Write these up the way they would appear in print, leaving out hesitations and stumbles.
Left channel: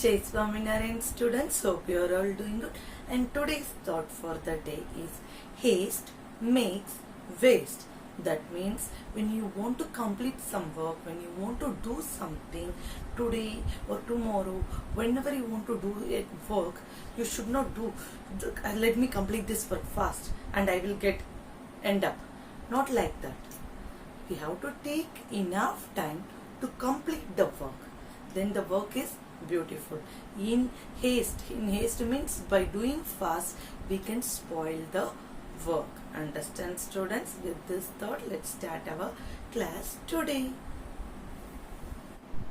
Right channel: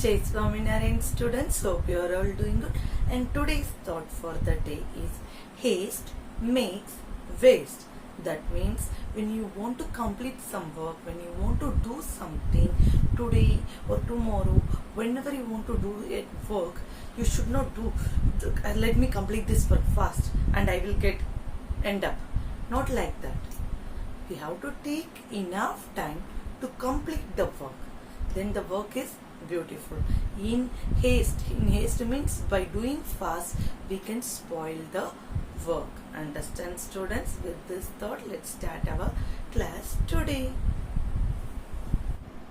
Jai Swaminarayan students, hope you are all doing good. And today's thought for the day is haste makes waste. That means when you want to complete some work, when you want to do something today or tomorrow, whenever you want to do a work, you should not do, let me complete this work fast and I will end up. Not like that. We have to take enough time to complete the work. Then the work is beautiful. In haste means by doing fast we can spoil the work. Understand, students? With this thought, let's start our class today.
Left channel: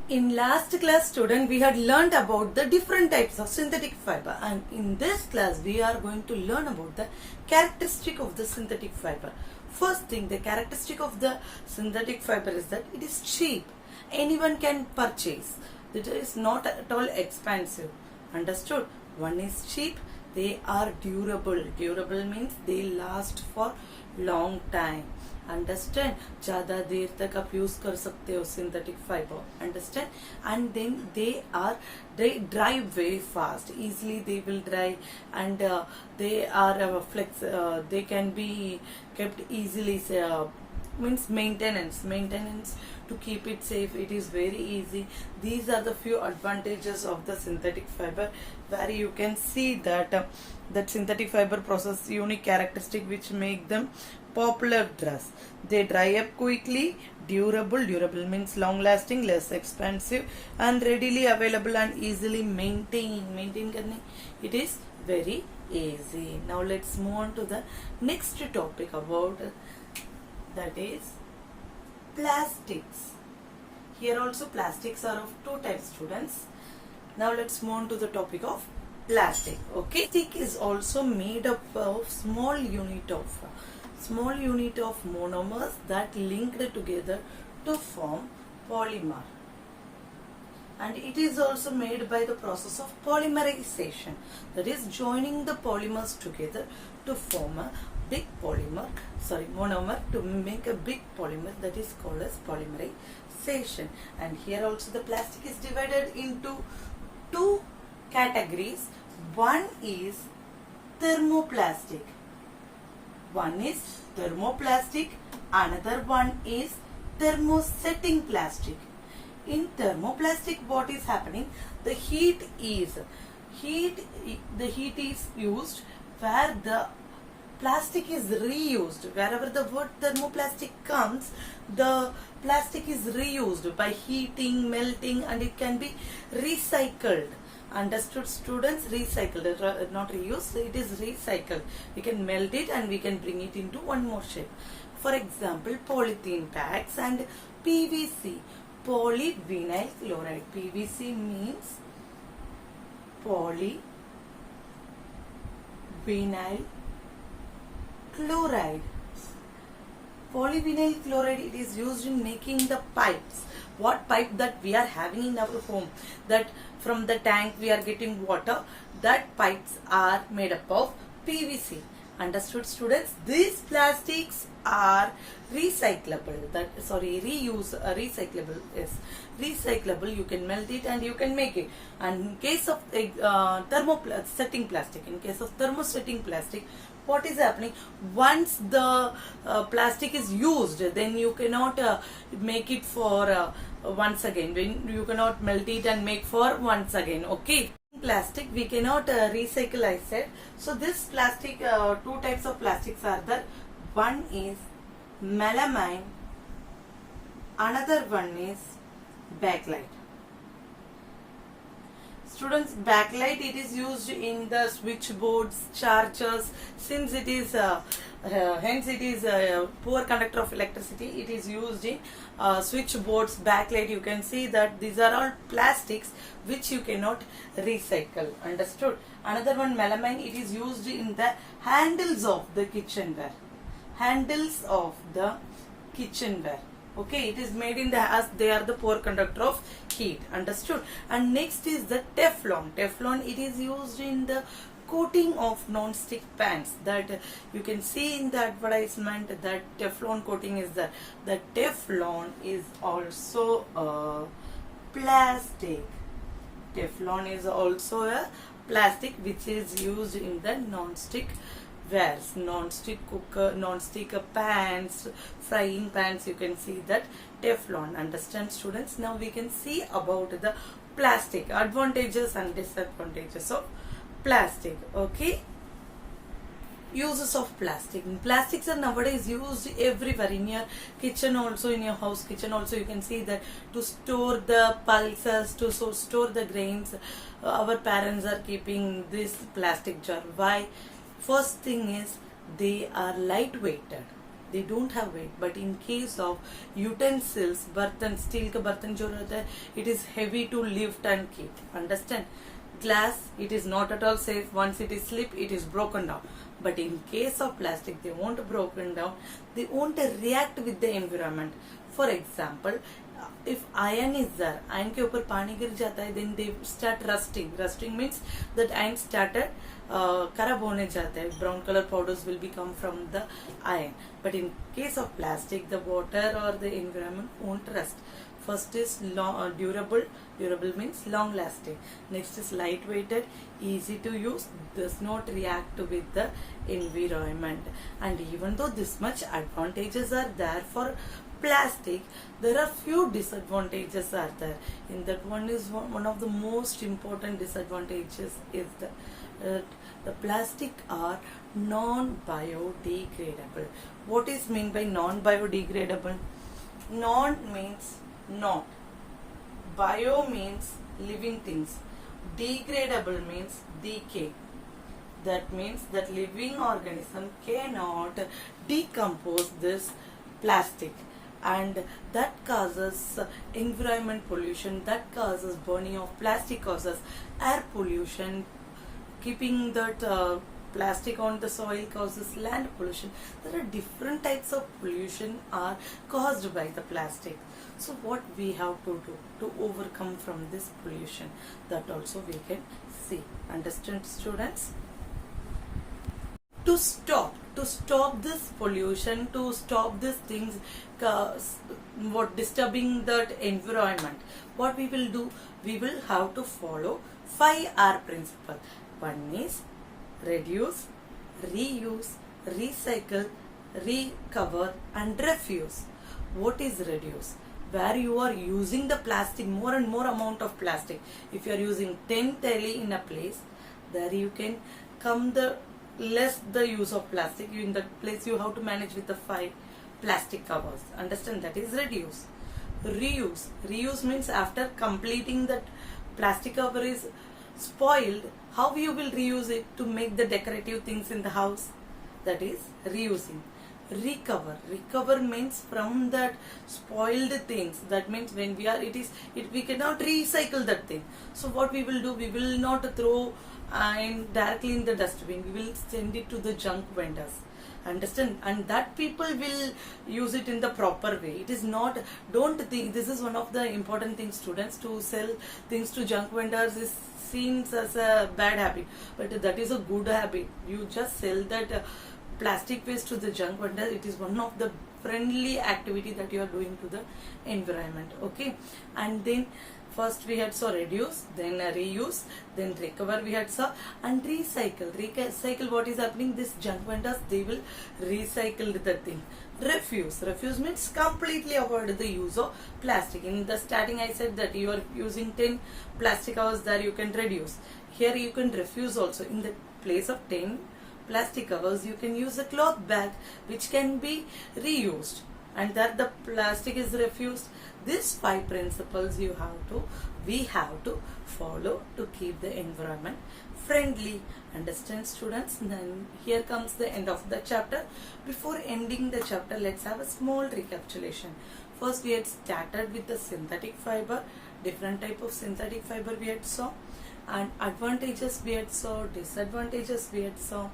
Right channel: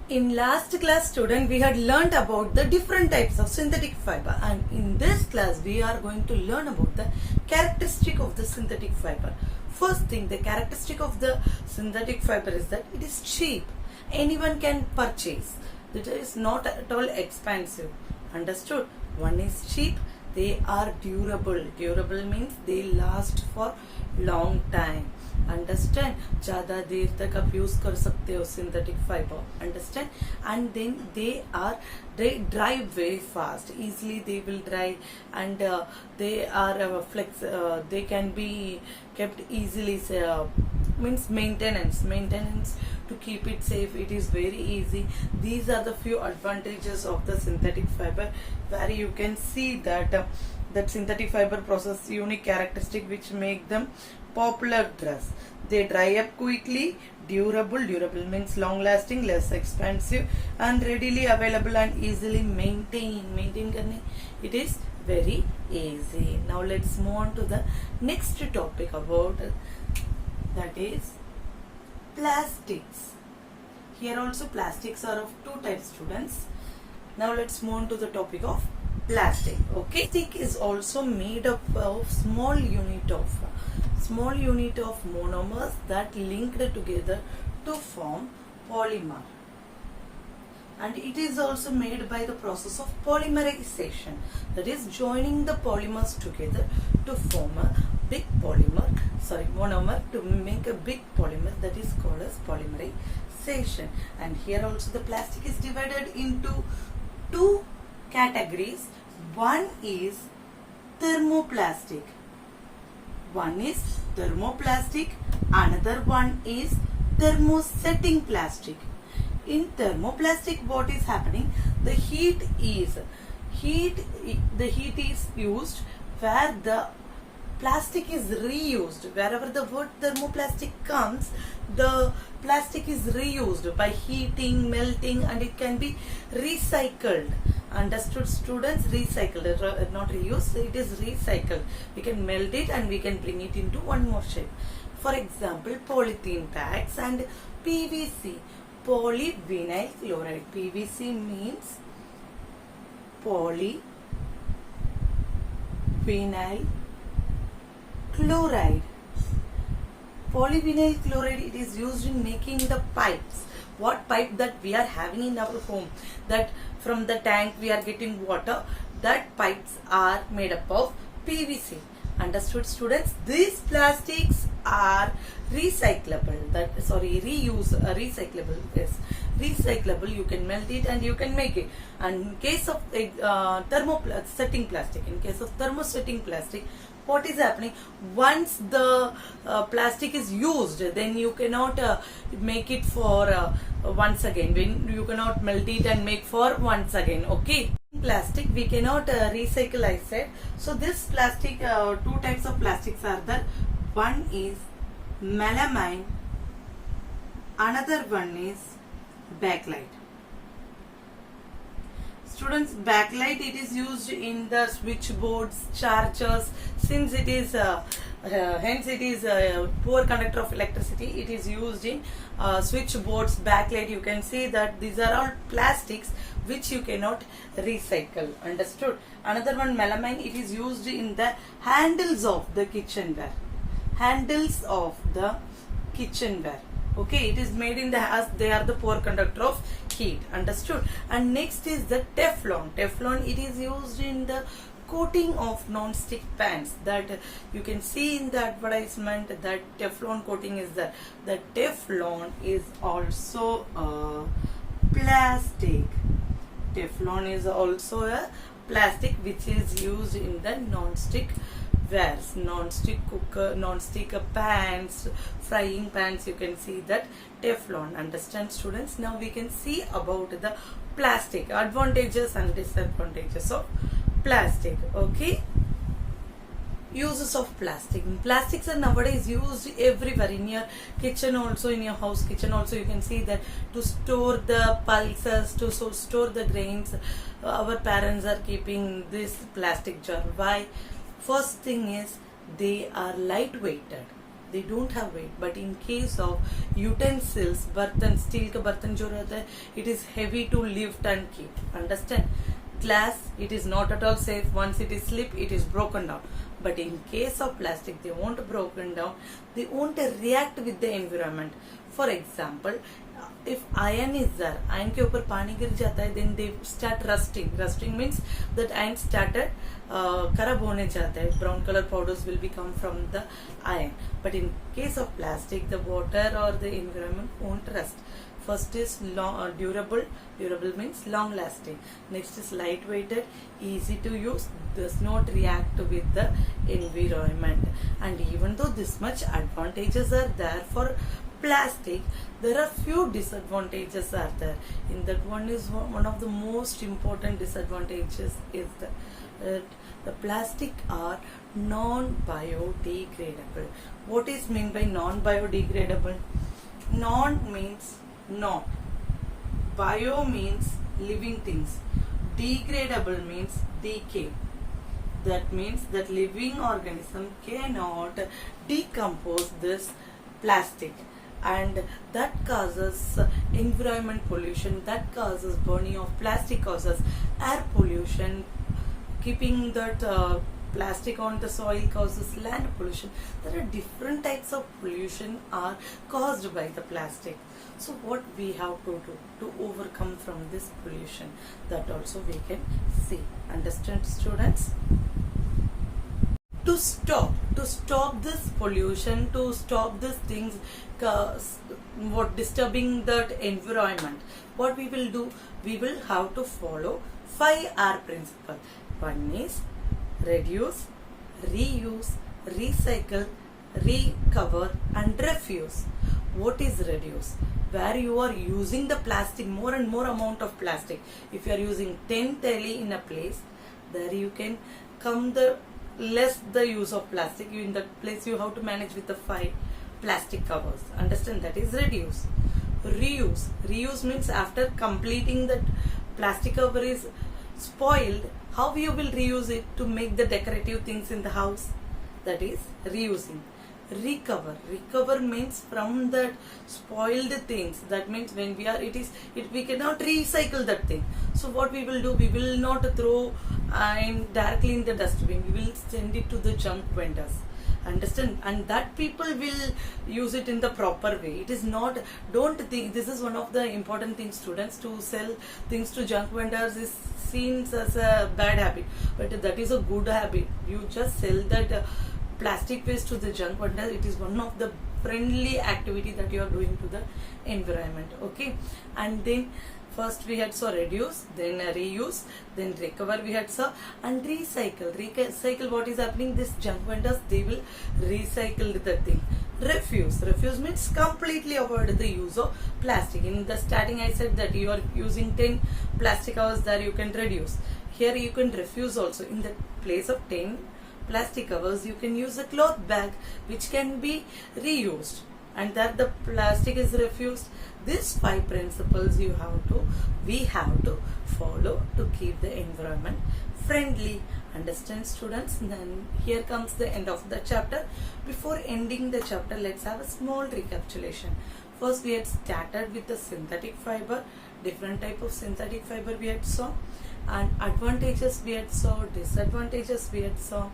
In last class, student, we had learned about the different types of synthetic fiber, and in this class we are going to learn about the characteristic of the synthetic fiber. First thing, the characteristic of the synthetic fiber is that it is cheap. Anyone can purchase. It is not at all expensive. Understood? One is cheap. They are durable. Durable means they last for long time. Understand? ज़्यादा देर तक आप use कर सकते हो synthetic fiber. Understand? And then they dry very fast. Easily they will dry, and they are they can be kept easily. Means maintenance to keep it safe, it is very easy. These are the few advantages of the synthetic fiber, where you can see that that synthetic fiber possess unique characteristic which make them popular dress. They dry up quickly, durable means long lasting, less expensive, and readily available and easily maintain karne it is very easy. Now let's move on to the next topic about that is plastics. Here also plastics are of two types, students. Now let's move on to the topic of plastic. Okay, plastic is also made up of small unit of monomers that linked together to form polymer, and it is also made by the process of polymerization, that is joining the polymers together to form a big monomer to make a big polymer, that is called as polymerization. And here also the plastic is divided into two categories. One is thermoplastic. Another one is thermosetting plastic. In thermoplastic, what is happening? The heat is used where the plastic is reused. Wherever the word thermoplastic comes, the plastic is reused by heating, melting, and it can be recycled. Understood, students? Recycled, not reused. It is recycled. We can melt it and we can bring it into one more shape. For example, polythene bags and PVC, polyvinyl chloride. PVC means polyvinyl chloride. Polyvinyl chloride, it is used in making the pipes. What pipe that we are having in our home, that from the tank we are getting water, that pipes are made up of PVC. Understood, students? These plastics are recyclable. Recyclable. Yes, recyclable. You can melt it and you can make it. And in case of thermosetting plastic, what is happening? Once the plastic is used, then you cannot make it for once again. When you cannot melt it and make for once again. Okay. Plastic we cannot recycle, I said. So this plastic, two types of plastics are there. One is melamine, another one is bakelite. Students, bakelite, it is used in the switchboards, chargers. Since it is hence it is a poor conductor of electricity, it is used in switchboards. Bakelite, you can see that these are all plastics which you cannot recycle. Understood? Another one, melamine, it is used in the handles of the kitchenware. Okay, it is made in as they are the poor conductor of heat. Understood? And next is the Teflon. Teflon, it is used in the coating of non-stick pans. That you can see in the advertisement, that Teflon coating is there. The Teflon is also a plastic. Teflon is also a plastic which is used in the non-stick wares, non-stick cooker, non-stick pans, frying pans. You can see that Teflon. Understand, students? Now we can see about the plastic advantages and disadvantages of plastic. Okay. Uses of plastic. Plastics are nowadays used everywhere, in your kitchen also, in your house kitchen also. You can see that to store the pulses, to store the grains, our parents are keeping this plastic jar. Why? First thing is they are lightweighted, they don't have weight. But in case of utensils, bartan, steel ka bartan jo rehta hai, it is heavy to lift and keep. Understand? Glass, it is not at all safe. Once it is slip, it is broken down. But in case of plastic, they won't broken down, they won't react with the environment. For example, if iron is there, iron के ऊपर पानी गिर जाता है, then they start rusting. Rusting means that iron started खराब होने जाता है. Brown color powders will become from the iron. But in case of plastic, the water or the environment won't rust. First is durable. Durable means long lasting. Next is lightweighted, easy to use, does not react with the environment. And even though this much advantages are there for plastic, there are few disadvantages are there. In that, one is one of the most important disadvantages is the plastic are non-biodegradable. What is meant by non-biodegradable? Non means not, bio means living things, degradable means decay. That means that living organism cannot decompose this plastic, and that causes environment pollution, that causes burning of plastic, causes air pollution, keeping that plastic on the soil causes land pollution. There are different types of pollution are caused by the plastic. So what we have to do to overcome from this pollution, that also we can see. Understand, students? To stop this pollution, to stop these things what disturbing that environment, what we will do, we will have to follow 5R principle. One is reduce, reuse, recycle, recover and refuse. What is reduce? Where you are using the plastic, more and more amount of plastic. If you are using 10 tally in a place, there you can come the less the use of plastic. In that place you have to manage with the 5 plastic covers. Understand? That is reduce. Reuse. Reuse means after completing that plastic cover is spoiled, how you will reuse it to make the decorative things in the house. That is reusing. Recover. Recover means from that spoiled things. That means when we cannot recycle that thing. So what we will do, we will not throw directly in the dustbin. We will send it to the junk vendors. Understand? And that people will use it in the proper way. It is not, don't think, this is one of the important things, students, to sell things to junk vendors is seen as a bad habit, but that is a good habit. You just sell that plastic waste to the junk vendor. It is one of the friendly activity that you are doing to the environment. Okay, and then first we had saw reduce, then reuse, then recover we had saw, and recycle. Recycle, what is happening, this junk vendors, they will recycle the thing. Refuse. Refuse means completely avoid the use of plastic. In the starting I said that you are using 10 plastic covers, there you can reduce. Here you can refuse also. In the place of 10 plastic covers, you can use a cloth bag which can be reused, and that the plastic is refused. These 5 principles we have to follow to keep the environment friendly. Understand, students? Then here comes the end of the chapter. Before ending the chapter, let's have a small recapitulation. First we had started with the synthetic fiber, different type of synthetic fiber we had saw, and advantages we had saw, disadvantages we had saw.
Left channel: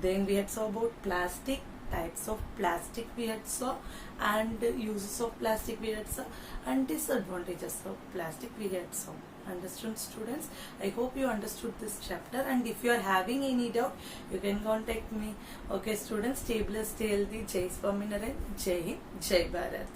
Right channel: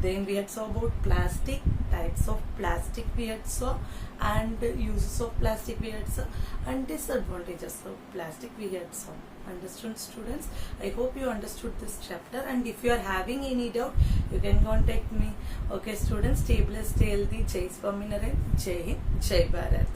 Then we had saw about plastic, types of plastic we had saw, and uses of plastic we had saw, and disadvantages of plastic we had saw. Understood, students? I hope you understood this chapter, and if you are having any doubt, you can contact me. Okay, students, stay blessed, stay healthy. Jai Swaminarayan, Jai Hind, Jai Bharat.